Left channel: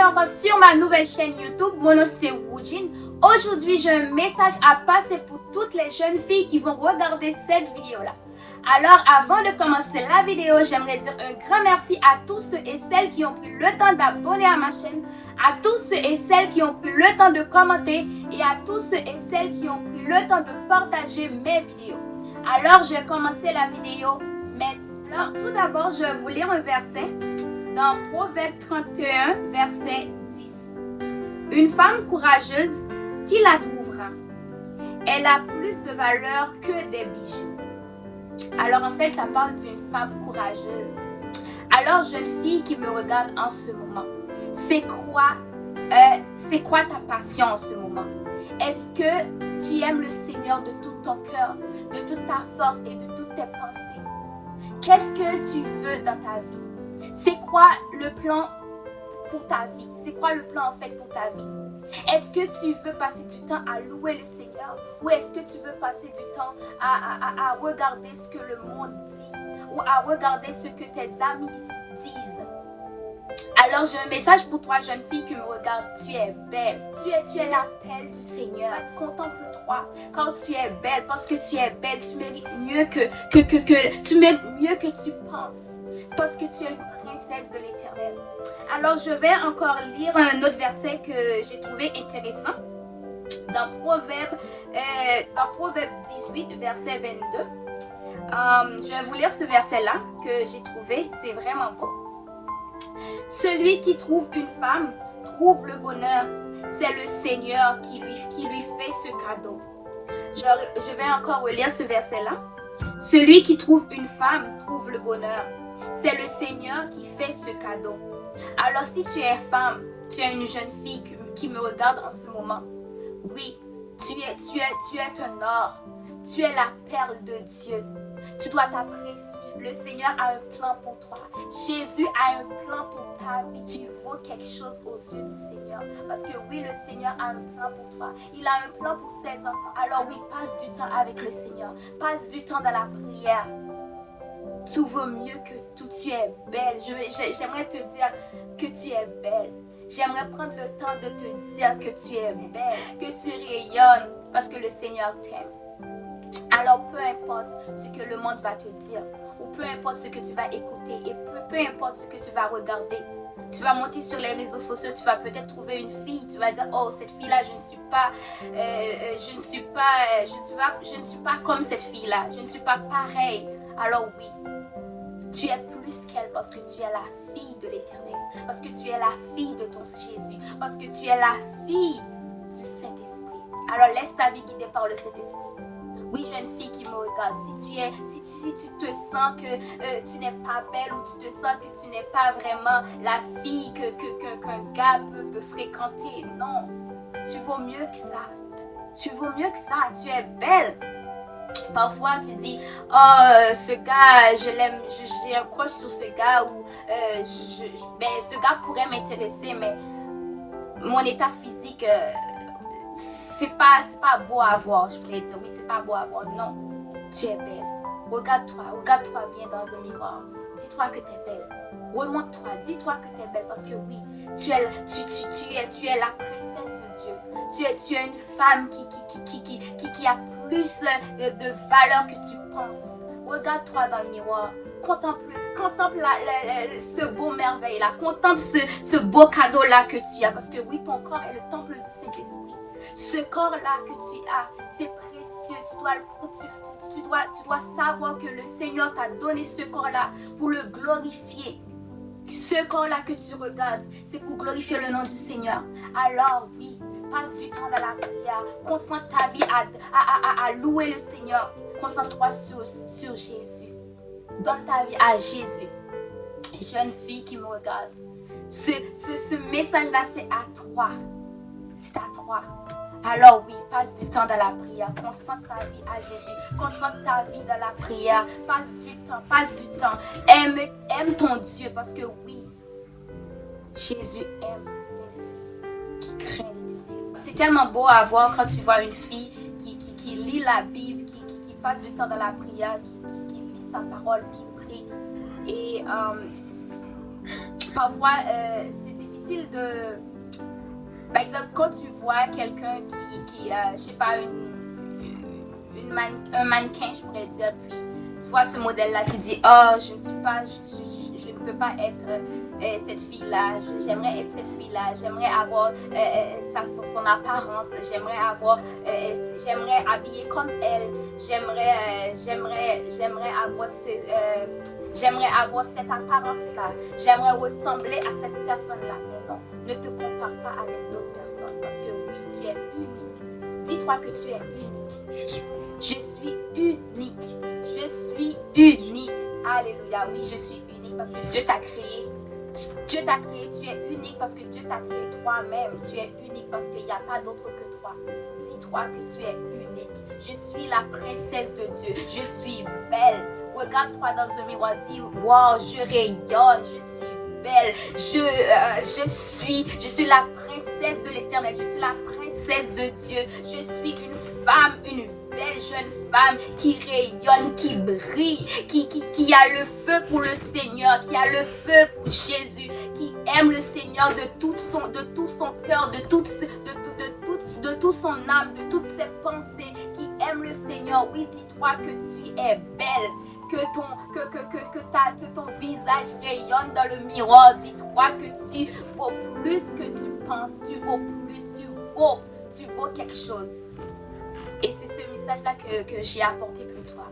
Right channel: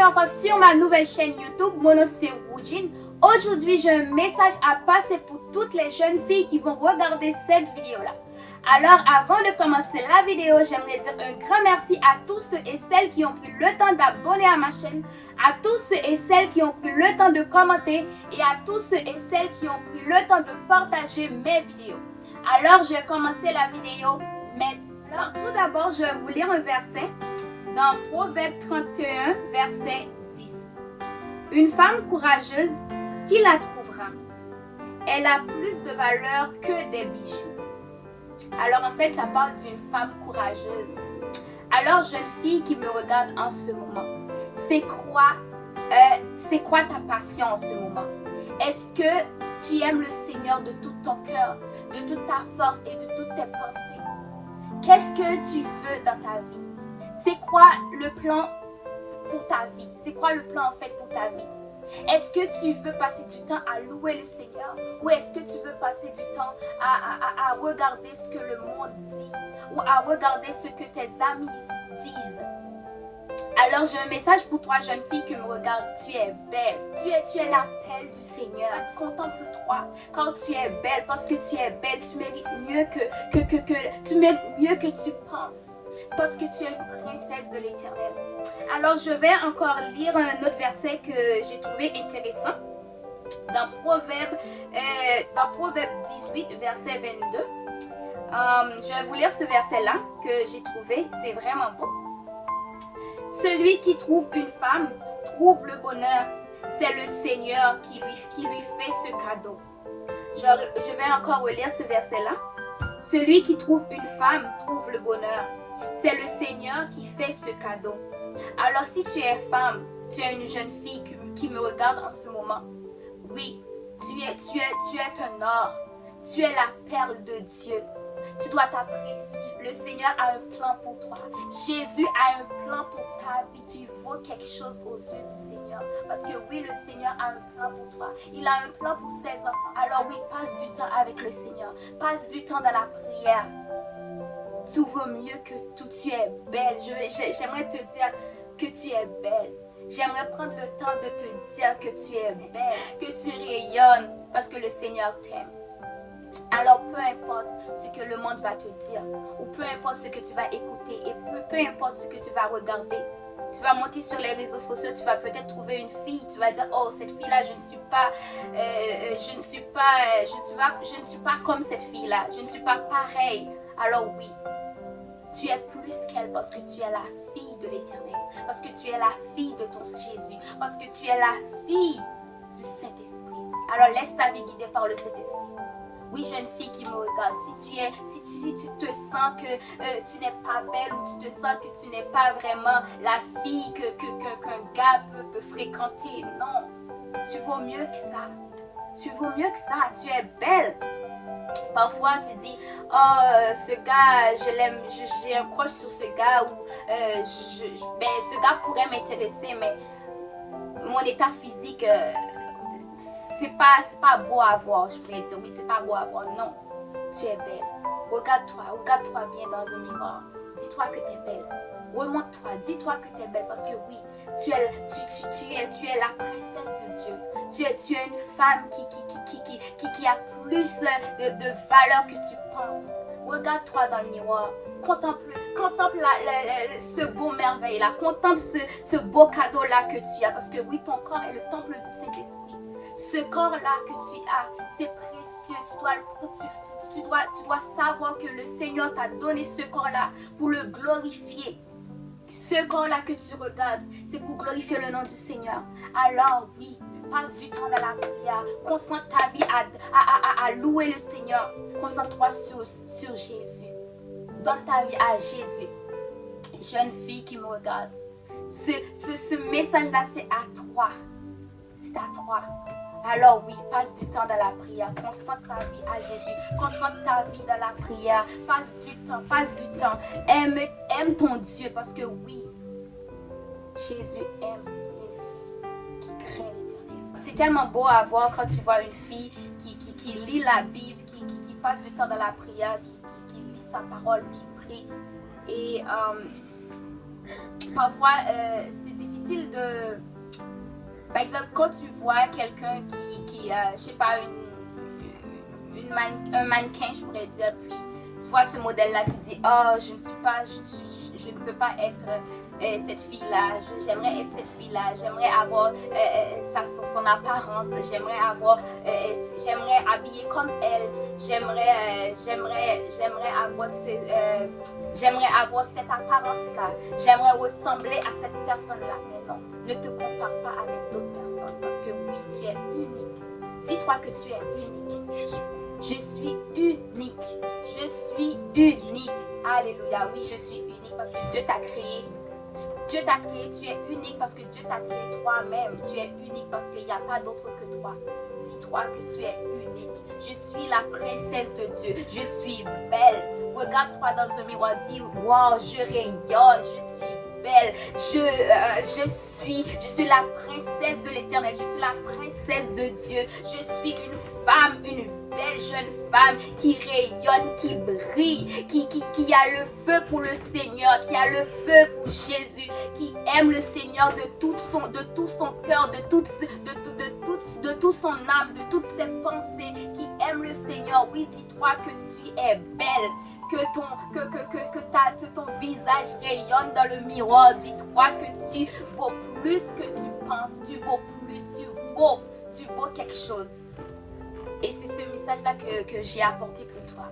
bienvenue encore sur ma nouvelle chaîne YouTube. Mon nom c'est Woojin. Aujourd'hui, j'ai un message à passer pour toutes les jeunes filles qui vont regarder cette vidéo-là. Alors, avant de commencer la vidéo, j'aimerais dire un grand merci à tous ceux et celles qui ont pris le temps d'abonner à ma chaîne, à tous ceux et celles qui ont pris le temps de commenter et à tous ceux et celles qui ont pris le temps de partager mes vidéos. Alors, je vais commencer la vidéo maintenant. Tout d'abord, je vais vous lire un verset dans Proverbe 31, verset 10. Une femme courageuse, qui la trouvera? Elle a plus de valeur que des bijoux. Alors en fait, ça parle d'une femme courageuse. Alors, jeune fille qui me regarde en ce moment, c'est quoi ta passion en ce moment? Est-ce que tu aimes le Seigneur de tout ton cœur, de toute ta force et de toutes tes pensées? Qu'est-ce que tu veux dans ta vie? C'est quoi le plan pour ta vie? C'est quoi le plan en fait pour ta vie? Est-ce que tu veux passer du temps à louer le Seigneur ou est-ce que tu veux passer du temps à regarder ce que le monde dit ou à regarder ce que tes amis disent? Alors j'ai un message pour toi, jeune fille qui me regarde. Tu es belle. Tu es la perle du Seigneur. Contemple-toi quand tu es belle, parce que tu es belle. Tu mérites mieux tu mérites mieux que tu penses, parce que tu es une princesse de l'Éternel. Alors je vais encore lire un autre verset que j'ai trouvé intéressant dans Proverbe 18, verset 22. Je vais vous lire ce verset-là que j'ai trouvé. C'est vraiment beau. Celui qui trouve une femme trouve le bonheur. C'est le Seigneur qui lui fait ce cadeau. Je vais encore relire ce verset-là. Celui qui trouve une femme trouve le bonheur. C'est le Seigneur qui fait ce cadeau. Alors si tu es femme, tu es une jeune fille qui me regarde en ce moment. Oui, tu es un or. Tu es la perle de Dieu. Tu dois t'apprécier. Le Seigneur a un plan pour toi. Jésus a un plan pour ta vie. Tu vaux quelque chose aux yeux du Seigneur. Parce que oui, le Seigneur a un plan pour toi. Il a un plan pour ses enfants. Alors oui, passe du temps avec le Seigneur. Passe du temps dans la prière. Tout vaut mieux que tout. Tu es belle. J'aimerais te dire que tu es belle. J'aimerais prendre le temps de te dire que tu es belle, que tu rayonnes, parce que le Seigneur t'aime. Alors peu importe ce que le monde va te dire, ou peu importe ce que tu vas écouter, et peu importe ce que tu vas regarder, tu vas monter sur les réseaux sociaux, tu vas peut-être trouver une fille, tu vas dire oh cette fille-là je ne suis pas comme cette fille-là, je ne suis pas pareille. Alors oui, tu es plus qu'elle parce que tu es la fille de l'Éternel, parce que tu es la fille de ton Jésus, parce que tu es la fille du Saint-Esprit. Alors laisse ta vie guider par le Saint-Esprit. Oui, jeune fille qui me regarde, si tu te sens que tu n'es pas belle ou tu te sens que tu n'es pas vraiment la fille qu'un gars peut fréquenter, non, tu vaux mieux que ça. Tu vaux mieux que ça, tu es belle. Parfois tu dis oh ce gars je l'aime, j'ai un crush sur ce gars ou ce gars pourrait m'intéresser mais mon état physique c'est pas beau à voir, je pourrais dire oui c'est pas beau à voir. Non, tu es belle. Regarde-toi bien dans un miroir. Dis-toi que tu es belle. Remonte-toi, dis-toi que tu es belle parce que oui, tu es la princesse de Dieu. Tu es une femme qui a plus de valeur que tu penses. Regarde-toi dans le miroir. Contemple ce beau merveille-là. Contemple ce beau cadeau-là que tu as. Parce que oui, ton corps est le temple du Saint-Esprit. Ce corps-là que tu as, c'est précieux. Tu dois savoir que le Seigneur t'a donné ce corps-là pour le glorifier. Ce corps-là que tu regardes, c'est pour glorifier le nom du Seigneur. Alors oui, passe du temps dans la prière. Concentre ta vie à louer le Seigneur. Concentre-toi sur Jésus. Donne ta vie à Jésus. Jeune fille qui me regarde, ce message-là, c'est à toi. C'est à toi. Alors oui, passe du temps dans la prière. Concentre ta vie à Jésus. Concentre ta vie dans la prière. Passe du temps. Aime ton Dieu parce que oui, Jésus aime une fille qui craint l'Éternel. C'est tellement beau à voir quand tu vois une fille qui lit la Bible, qui passe du temps dans la prière, qui lit sa parole, qui prie. Et parfois, c'est difficile style de... Par exemple, quand tu vois quelqu'un qui je sais pas, un mannequin, je pourrais dire, puis tu vois ce modèle-là, tu dis, oh, je ne suis pas, je ne peux pas être cette fille-là, j'aimerais être cette fille-là, j'aimerais avoir son apparence, j'aimerais habiller comme elle, j'aimerais avoir cette apparence-là, j'aimerais ressembler à cette personne-là. Mais non, ne te compare pas avec d'autres personnes, parce que oui, tu es unique. Dis-toi que tu es unique. Je suis unique. Je suis unique. Alléluia. Oui, je suis unique parce que Dieu t'a créé. Dieu t'a créé, tu es unique parce que Dieu t'a créé toi-même. Tu es unique parce qu'il n'y a pas d'autre que toi. Dis-toi que tu es unique. Je suis la princesse de Dieu. Je suis belle. Regarde-toi dans un miroir. Dis, wow, je rayonne. Je suis belle. Je suis la princesse de l'Éternel. Je suis la princesse de Dieu. Je suis une femme, une belle jeune femme qui rayonne, qui brille, qui a le feu pour le Seigneur, qui a le feu pour Jésus, qui aime le Seigneur de tout son cœur, de toute son âme, de toutes ses pensées, qui aime le Seigneur. Oui, dis-toi que tu es belle, que ton visage rayonne dans le miroir. Dis-toi que tu vaux plus que tu penses, tu vaux quelque chose. Et c'est ce message-là que j'ai apporté pour toi.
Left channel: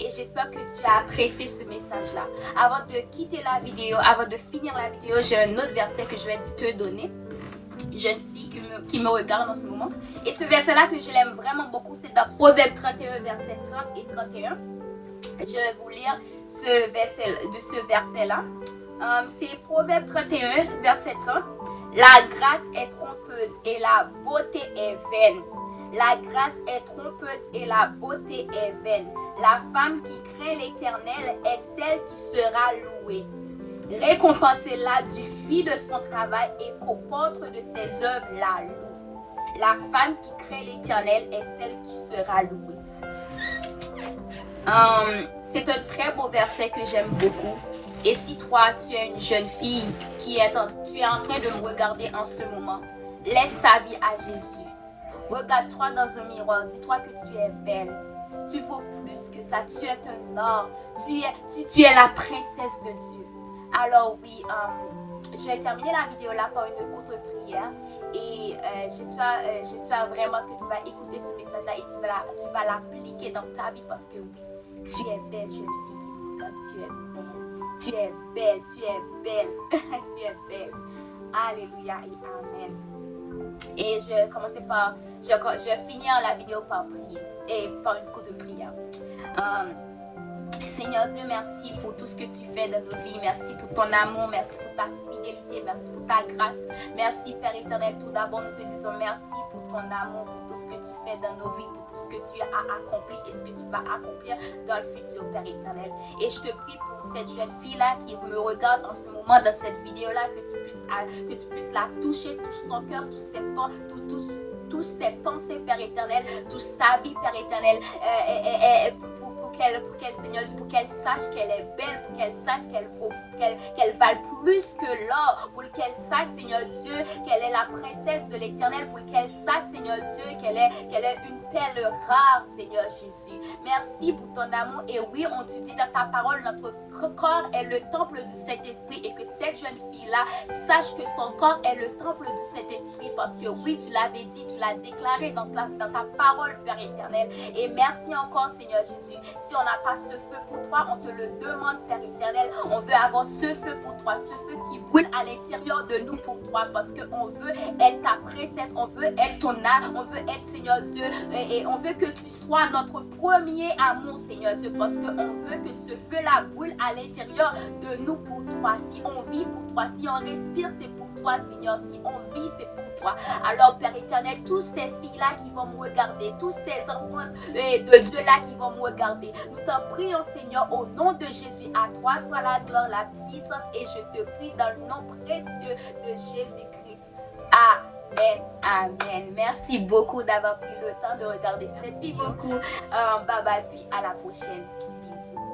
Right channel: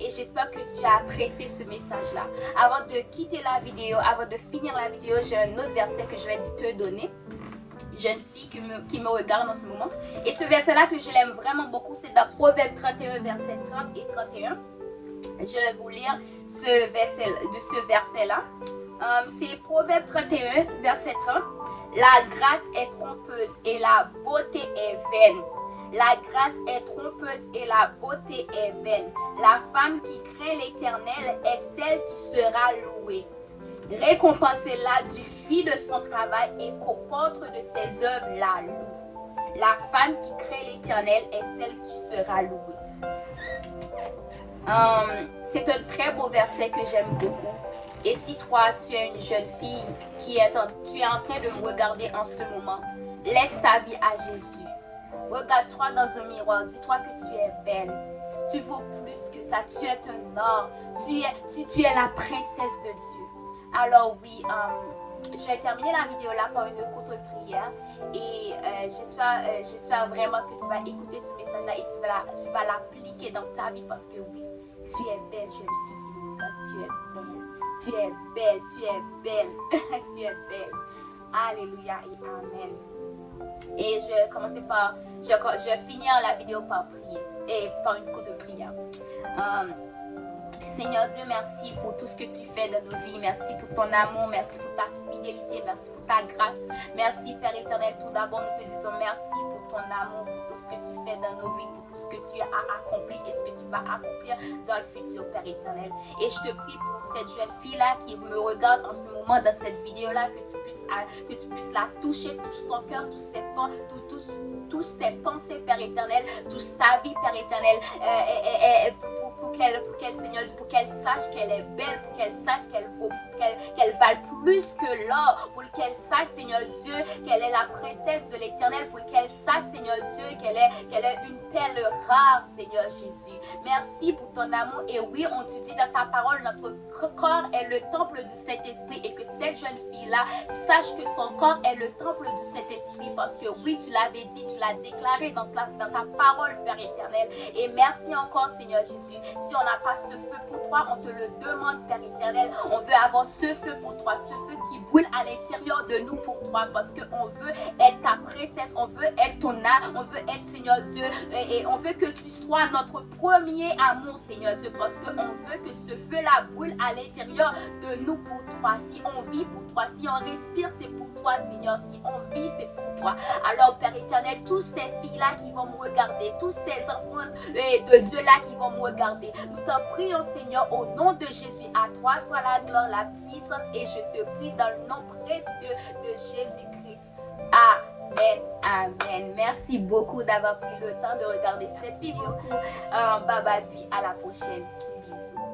Et j'espère que tu as apprécié ce message-là. Avant de quitter la vidéo, avant de finir la vidéo, j'ai un autre verset que je vais te donner. Jeune fille qui me regarde en ce moment. Et ce verset-là que je l'aime vraiment beaucoup, c'est dans Proverbe 31, versets 30 et 31. Je vais vous lire ce verset-là. C'est Proverbe 31, verset 30. La grâce est trompeuse et la beauté est vaine. La grâce est trompeuse et la beauté est vaine. La femme qui craint l'Éternel est celle qui sera louée. Récompensez-la du fruit de son travail et qu'au porte de ses œuvres la loue. La femme qui craint l'Éternel est celle qui sera louée. C'est un très beau verset que j'aime beaucoup. Et si toi, tu es une jeune fille tu es en train de me regarder en ce moment, laisse ta vie à Jésus. Regarde-toi dans un miroir, dis-toi que tu es belle. Tu vaux plus que ça, tu es un or. Tu es la princesse de Dieu. Alors oui, je vais terminer la vidéo là par une courte prière. Et j'espère vraiment que tu vas écouter ce message-là et tu vas l'appliquer dans ta vie parce que oui, tu es belle, jeune fille qui me regarde, tu es belle. Tu es belle, tu es belle, tu es belle. Alléluia et Amen. Et je vais finir la vidéo par prier et par une courte prière. Seigneur Dieu, merci pour tout ce que tu fais dans nos vies. Merci pour ton amour, merci pour ta fidélité, merci pour ta grâce. Merci Père éternel, tout d'abord nous te disons merci pour ton amour, pour tout ce que tu fais dans nos vies, pour tout ce que tu as accompli et ce que tu vas accomplir dans le futur, Père éternel. Et je te prie pour cette jeune fille-là qui me regarde en ce moment dans cette vidéo-là, que tu puisses la toucher, touche son cœur, tous ses pensées, Père éternel, touche sa vie, Père éternel, pour qu'elle sache qu'elle est belle, pour qu'elle sache qu'elle vale plus que l'or, pour qu'elle sache, Seigneur Dieu, qu'elle est la princesse de l'Éternel, pour qu'elle sache, Seigneur Dieu, qu'elle est une perle rare, Seigneur Jésus. Merci pour ton amour. Et oui, on te dit dans ta parole, notre corps est le temple du Saint-Esprit et que cette jeune fille-là sache que son corps est le temple du Saint-Esprit parce que oui, tu l'avais dit, tu l'as déclaré dans ta parole, Père éternel. Et merci encore, Seigneur Jésus. Si on n'a pas ce feu pour toi, on te le demande, Père éternel. On veut avoir ce feu pour toi, ce feu qui brûle à l'intérieur de nous pour toi parce qu'on veut être ta princesse, on veut être ton âme, on veut être, Seigneur Dieu, et on veut que tu sois notre premier amour, Seigneur Dieu, parce qu'on veut que ce feu-là brûle à l'intérieur de nous pour toi. Si on vit pour toi, si on respire, c'est pour toi, Seigneur. Si on vit, c'est pour toi. Alors, Père éternel, tous ces filles-là qui vont me regarder, tous ces enfants de Dieu-là qui vont me regarder, nous t'en prions, Seigneur, au nom de Jésus. À toi soit la gloire, la puissance, et je te prie dans le nom précieux de Jésus-Christ. Amen. Amen. Merci beaucoup d'avoir pris le temps de regarder. Merci beaucoup. Bye bye, puis à la prochaine. Bisous.